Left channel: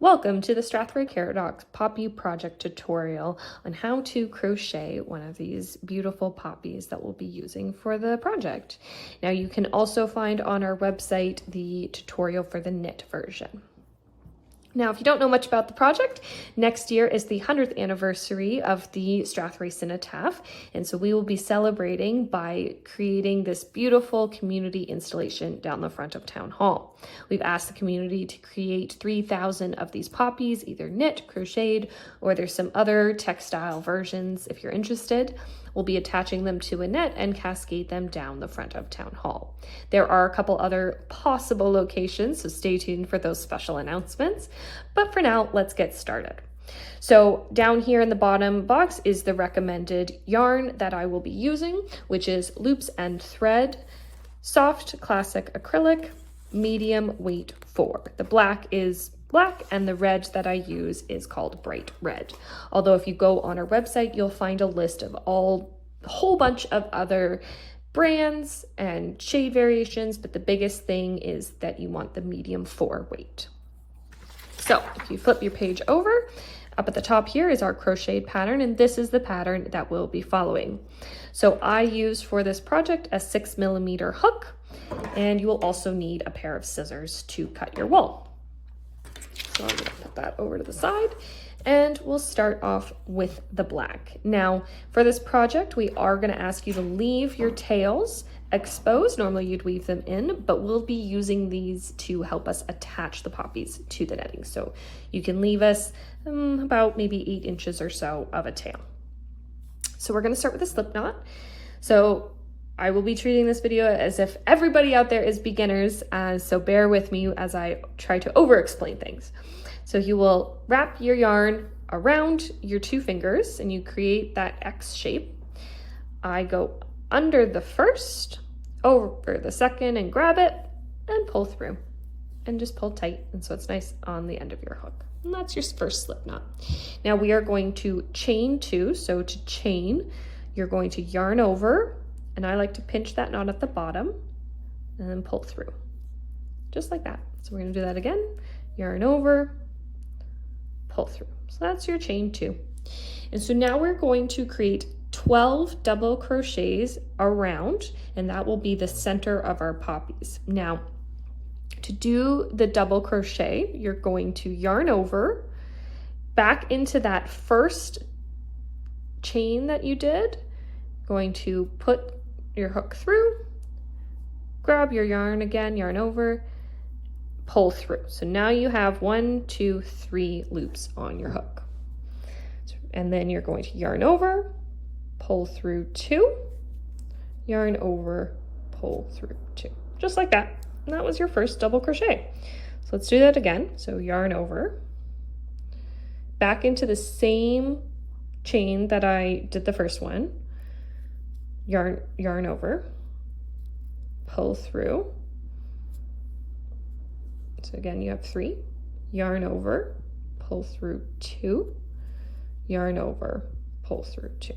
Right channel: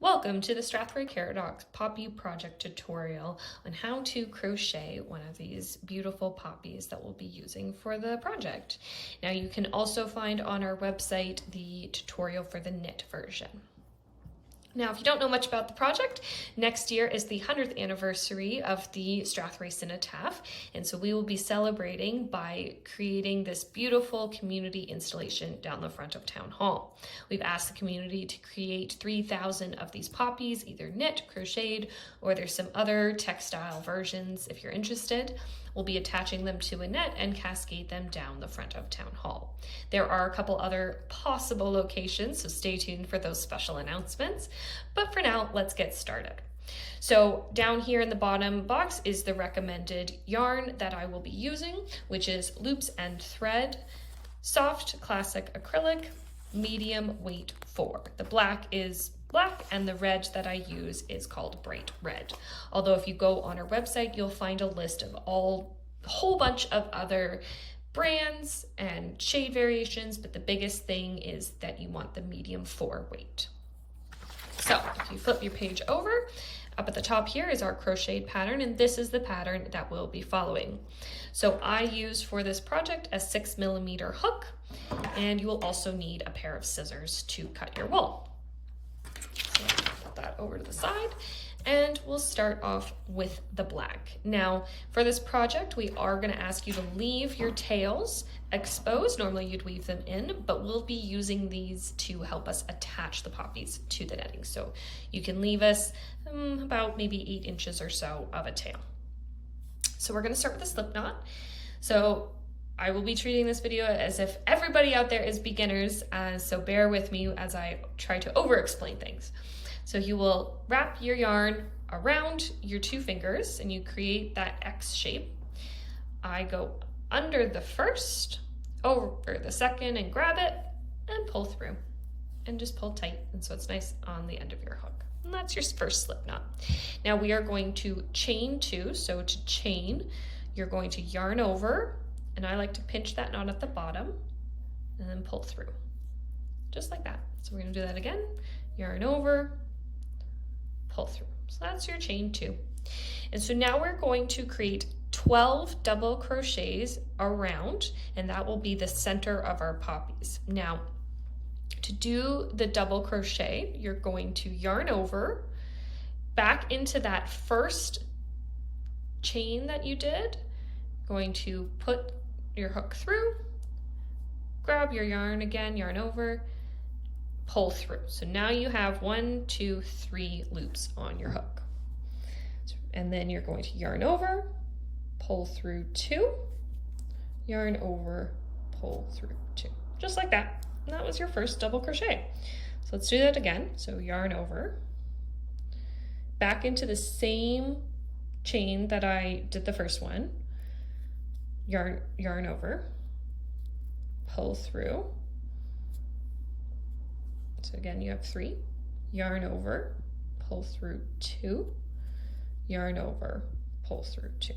Welcome to the Strathroy-Caradoc Poppy Project tutorial on how to crochet one of these beautiful poppies that we'll be using for the project. Now you can also find on our website the tutorial for the knit version. Now, if you don't know much about the project, next year is the 100th anniversary of the Strathroy Cenotaph, and so we will be celebrating by creating this beautiful community installation down the front of Town Hall. We've asked the community to create 3,000 of these poppies, either knit, crocheted, or there's some other textile versions if you're interested. We'll be attaching them to a net and cascade them down the front of Town Hall. There are a couple other possible locations, so stay tuned for those special announcements. But for now, let's get started. So down here in the bottom box is the recommended yarn that I will be using, which is Loops and Thread, Soft Classic Acrylic, Medium Weight 4. The black is black and the red that I use is called Bright Red. Although if you go on our website, you'll find a list of a whole bunch of other brands and shade variations, but the biggest thing is that you want the medium 4 weight. So if you flip your page over, up at the top here is our crocheted pattern, and this is the pattern that we'll be following. So I used for this project a 6mm hook, and you will also need a pair of scissors to cut your wool. So I'm gonna put that over to the side, and we'll start off with the black. Now, for this project, we are gonna ask you to leave your tails exposed. Normally you'd weave them in, but we'll be using these to help us attach the poppies to the netting. So you can leave us about maybe 8 inches or so of a tail. So we're gonna start with a slip knot. So I will be treating this video as if everybody out there is beginners, so bear with me as I try to over-explain things. So you will wrap your yarn around your 2 fingers and you create that X shape. I go under the first, over the second, and grab it and pull through. And just pull tight, and so it's nice on the end of your hook. And that's your first slip knot. Now we are going to chain 2, so to chain, you're going to yarn over, and I like to pinch that knot at the bottom and then pull through, just like that. So we're gonna do that again, yarn over, pull through. So that's your chain 2. And so now we're going to create 12 double crochets around, and that will be the center of our poppies. Now, to do the double crochet, you're going to yarn over, back into that first chain that you did, going to put your hook through, grab your yarn again, yarn over, pull through. So now you have 1, 2, 3 loops on your hook. And then you're going to yarn over, pull through 2, yarn over, pull through 2, just like that. And that was your first double crochet. So let's do that again. So yarn over, back into the same chain that I did the first one, yarn over, pull through. So again, you have 3, yarn over, pull through 2, yarn over, pull through 2.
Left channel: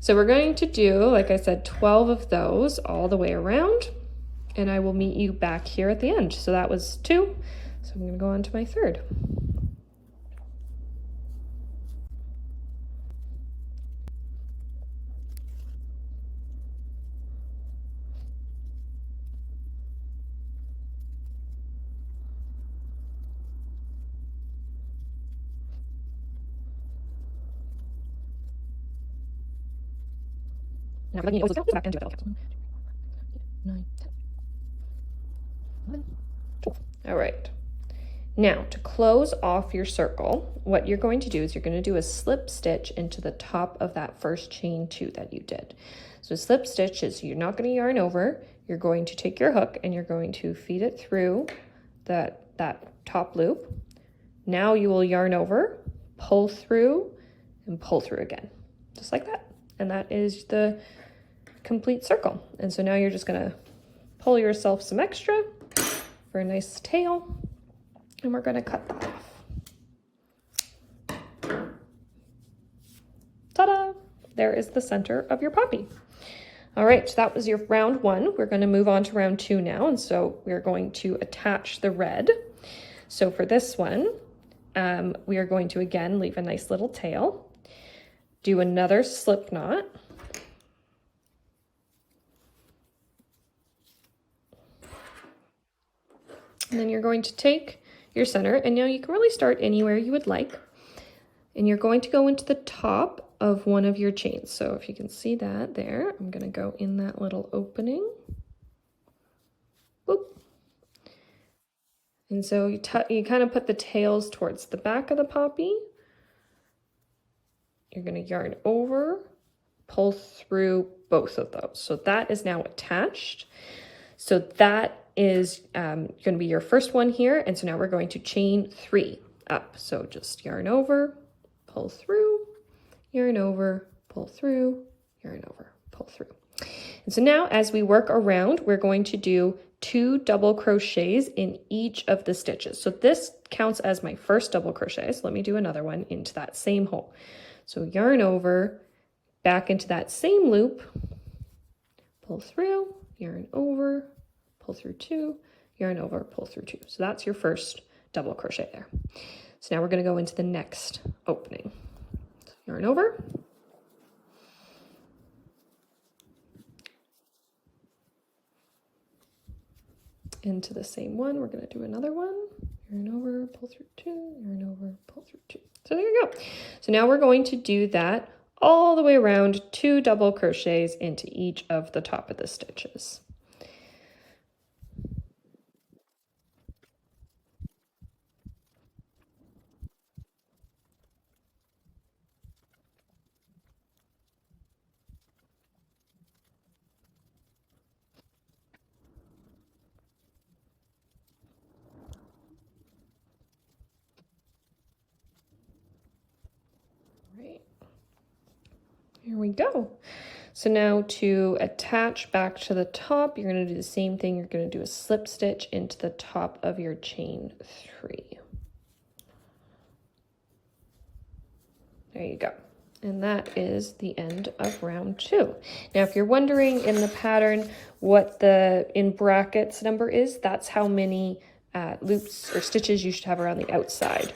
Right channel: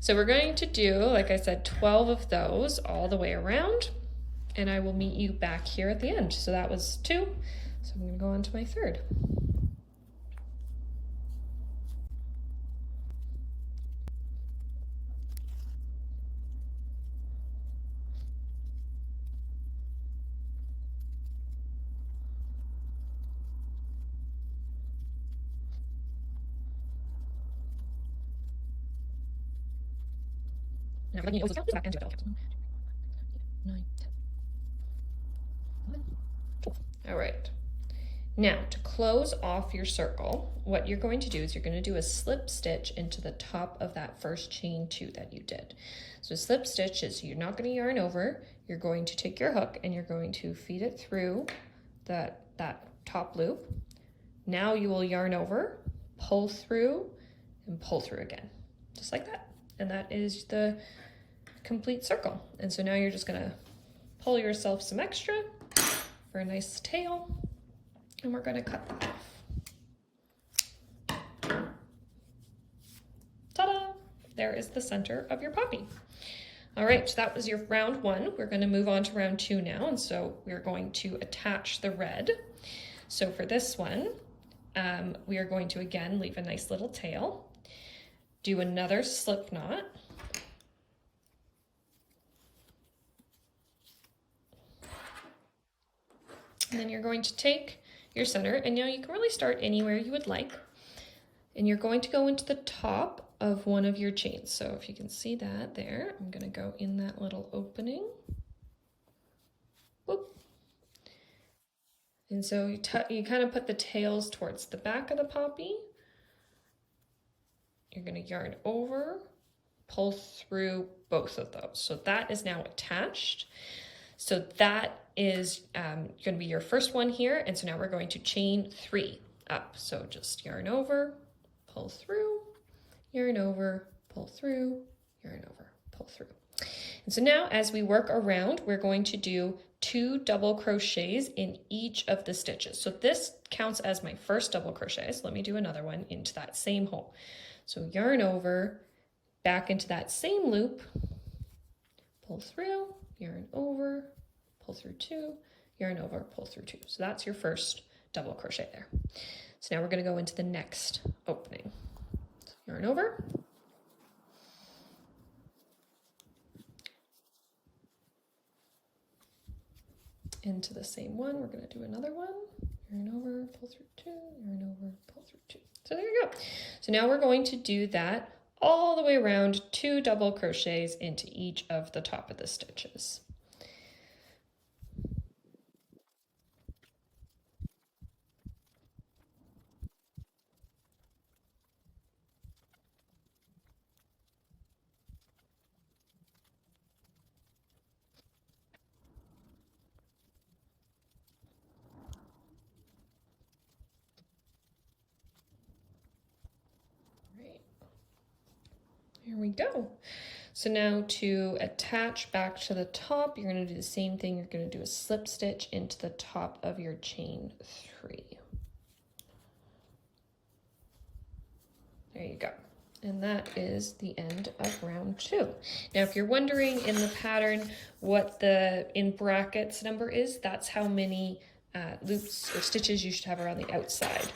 So we're going to do, like I said, 12 of those all the way around, and I will meet you back here at the end. So that was 2, so I'm gonna go on to my third. Now, let me also back into it. 9, 10, 11, 12. All right. Now, to close off your circle, what you're going to do is you're going to do a slip stitch into the top of that first chain 2 that you did. So slip stitch is you're not going to yarn over. You're going to take your hook and you're going to feed it through that top loop. Now you will yarn over, pull through, and pull through again, just like that. And that is the complete circle. And so now you're just gonna pull yourself some extra for a nice tail, and we're gonna cut that off. Ta-da! There is the center of your poppy. All right, so that was your round 1. We're gonna move on to round 2 now, and so we're going to attach the red. So for this one, we are going to again leave a nice little tail, do another slip knot, and then you're going to take your center, and now you can really start anywhere you would like, and you're going to go into the top of one of your chains. So if you can see that there, I'm going to go in that little opening. Boop. And so you kind of put the tails towards the back of the poppy. You're going to yarn over, pull through both of those. So that is now attached. So that is going to be your first one here. And so now we're going to chain 3 up. So just yarn over, pull through, yarn over, pull through, yarn over, pull through. And so now as we work around, we're going to do 2 double crochets in each of the stitches. So this counts as my first double crochet. So let me do another one into that same hole. So yarn over, back into that same loop, pull through, yarn over, pull through 2, yarn over, pull through 2. So that's your first double crochet there. So now we're going to go into the next opening. So yarn over, into the same one, we're going to do another one, yarn over, pull through 2, yarn over, pull through 2. So there you go. So now we're going to do that all the way around, 2 double crochets into each of the top of the stitches. Here we go. So now to attach back to the top, you're going to do the same thing. You're going to do a slip stitch into the top of your chain 3. There you go. And that is the end of round 2. Now, if you're wondering in the pattern what the in brackets number is, that's how many loops or stitches you should have around the outside.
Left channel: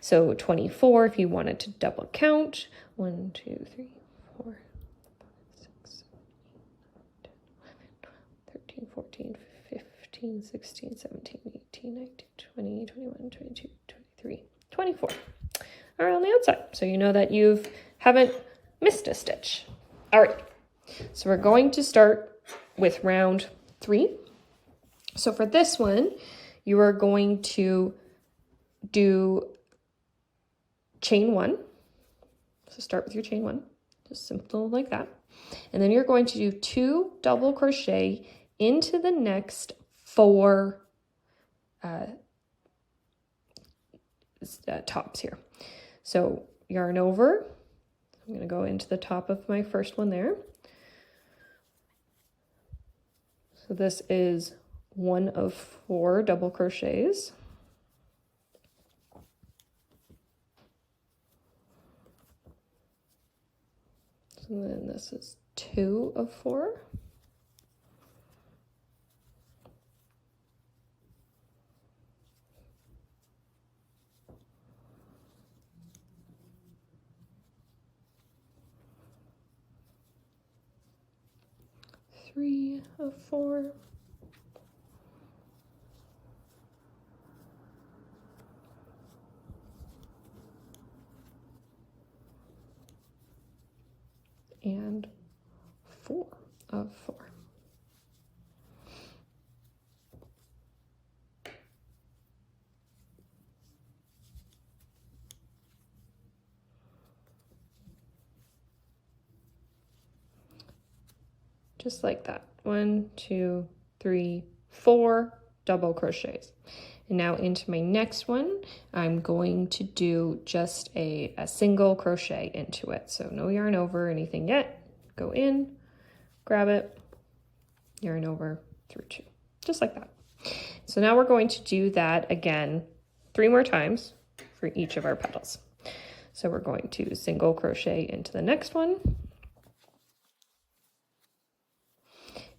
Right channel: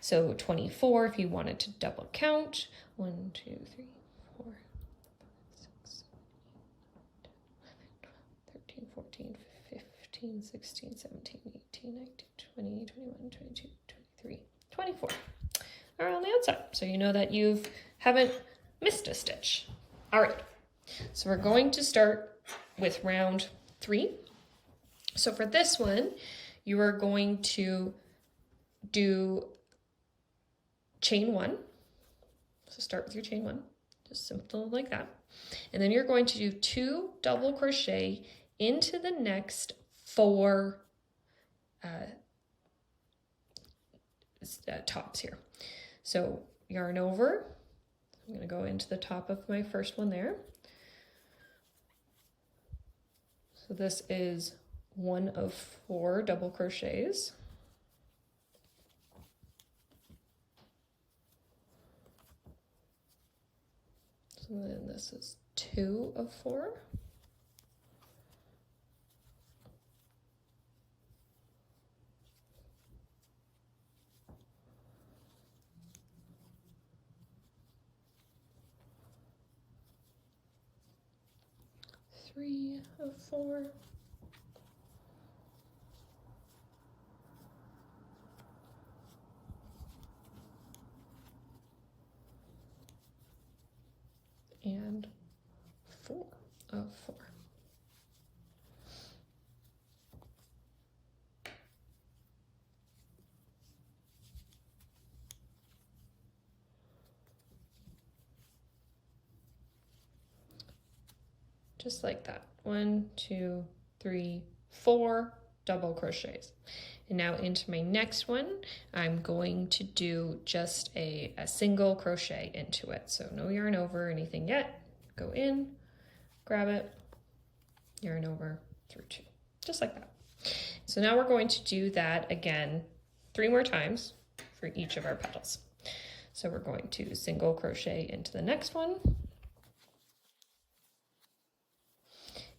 So 24 if you wanted to double count. 1, 2, 3, 4, 6, 13, 14, 15, 16, 17, 18, 19, 20, 21, 22, 23, 24 are on the outside. So you know that you haven't missed a stitch. All right, so we're going to start with round 3. So for this one, you are going to do chain 1. So start with your chain 1, just simple like that. And then you're going to do 2 double crochet into the next 4 tops here. So yarn over, I'm going to go into the top of my first one there. So this is 1 of 4 double crochets. And then this is 2 of 4. Three of 4. And 4 of 4. Just like that. 1, 2, 3, 4 double crochets. And now into my next one, I'm going to do just a single crochet into it. So no yarn over or anything yet. Go in, grab it, yarn over through 2, just like that. So now we're going to do that again 3 more times for each of our petals. So we're going to single crochet into the next one.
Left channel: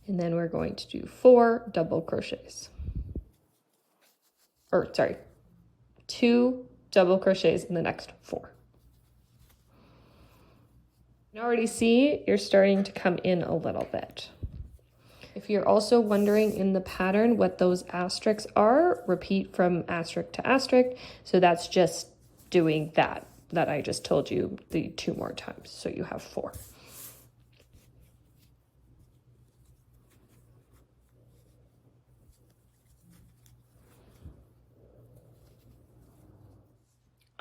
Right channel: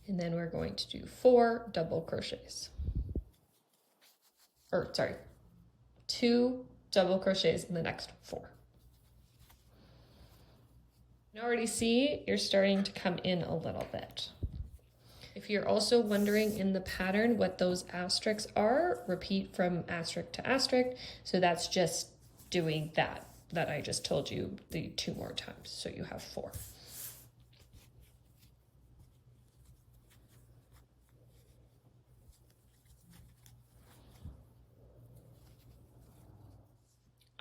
And then we're going to do 4 double crochets. Or sorry, 2 double crochets in the next 4. You can already see you're starting to come in a little bit. If you're also wondering in the pattern what those asterisks are, repeat from asterisk to asterisk. So that's just doing that I just told you the 2 more times. So you have 4.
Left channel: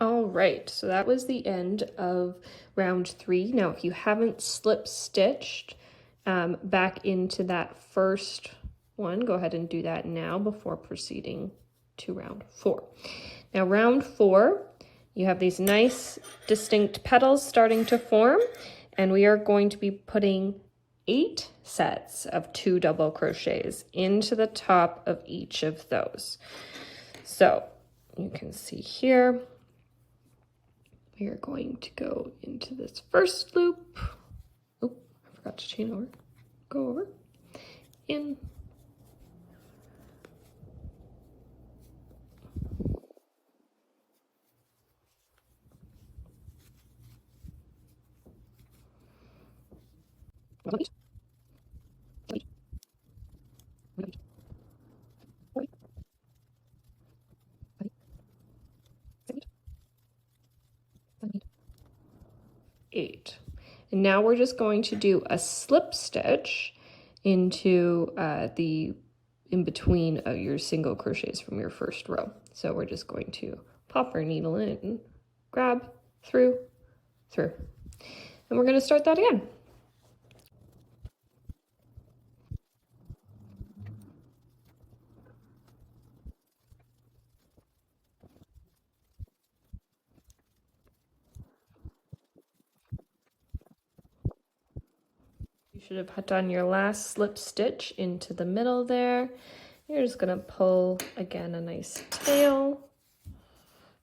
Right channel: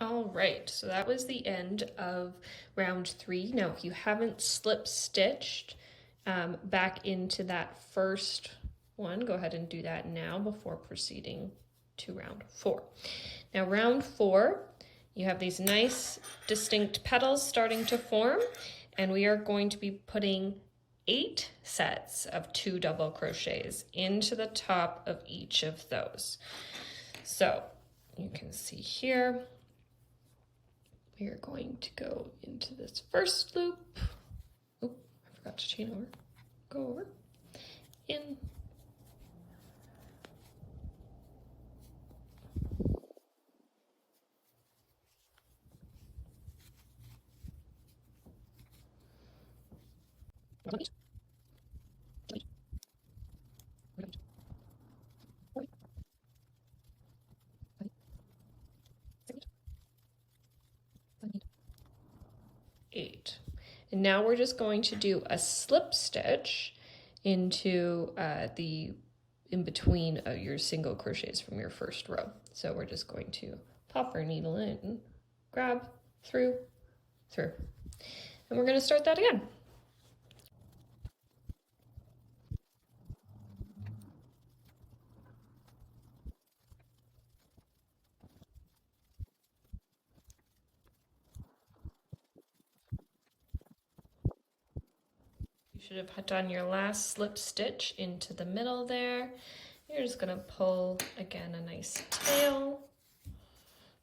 All right, so that was the end of round 3. Now, if you haven't slip stitched back into that first one, go ahead and do that now before proceeding to round 4. Now, round 4, you have these nice distinct petals starting to form, and we are going to be putting 8 sets of 2 double crochets into the top of each of those. So you can see here, we are going to go into this first loop. Oh, I forgot to chain over. Go over, in, eight. And now we're just going to do a slip stitch into in between your single crochets from your first row. So we're just going to pop our needle in, grab, through, and we're going to start that again. You should have done your last slip stitch into the middle there. You're just going to pull again a nice tail,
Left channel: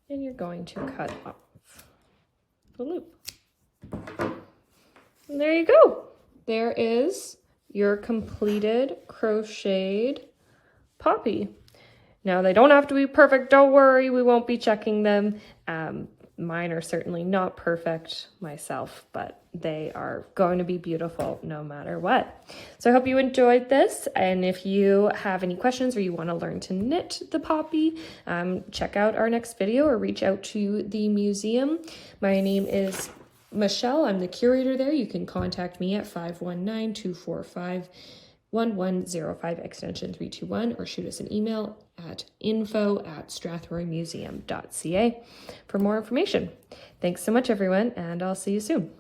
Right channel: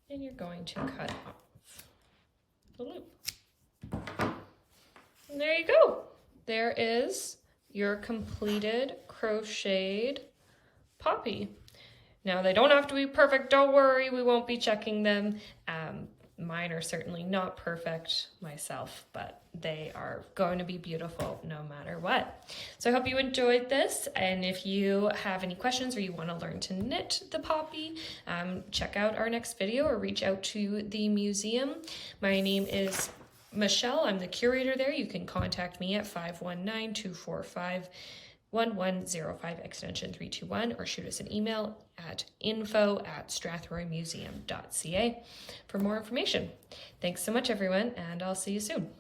and you're going to cut off the loop. And there you go. There is your completed crocheted poppy. Now, they don't have to be perfect. Don't worry, we won't be checking them. Mine are certainly not perfect myself, but they are going to be beautiful no matter what. So I hope you enjoyed this. And if you have any questions or you want to learn to knit the poppy, check out our next video or reach out to the museum. My name is Michelle. I'm the curator there. You can contact me at 519-245-1105 extension 321 or shoot us an email at info@strathroymuseum.ca for more information. Thanks so much, everyone, and I'll see you soon.